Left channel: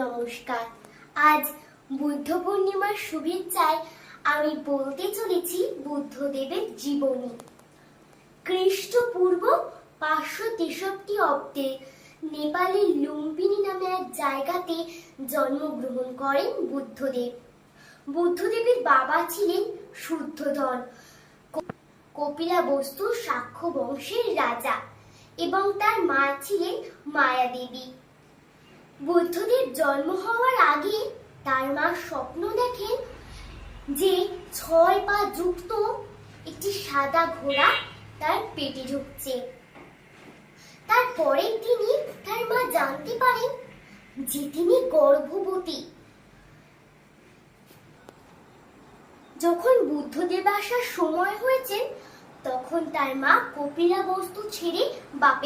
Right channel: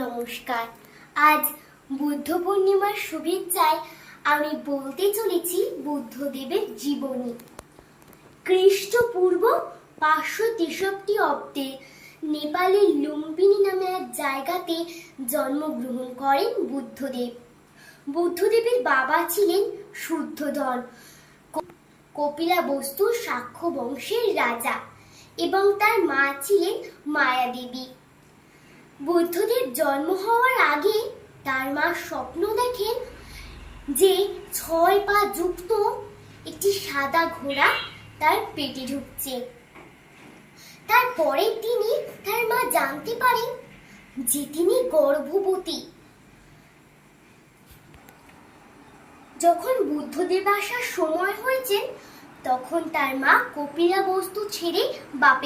নমস্কার। আজ বুদ্ধ পূর্ণিমার শুভেচ্ছায় আমি বলতে চলেছি বুদ্ধদেবের জীবনী। খ্রিস্টপূর্ব 563 অব্দে নেপালের লুম্বিনী নামে এক জায়গাতে জন্মগ্রহণ করেন বুদ্ধদেব। বুদ্ধদেবের বাবা ছিলেন শুদ্ধোধন, কপিলাবস্তু শাক্য বংশের রাজা, এবং তার মা ছিলেন মায়াদেবী। বুদ্ধদেব জন্ম হওয়ার আগে তার মা স্বপ্ন দেখেন যে 6 পা যুক্ত একটি সাদা ঘোড়া তার পেটে ঢুকছে। তারপরের দিনই তার মা জানতে পারেন যে তিনি গর্ভবতী। যখন বুদ্ধদেব আসার সময় হয়েছে, তখন তার মা কপিলাবস্তু ছেড়ে বাপের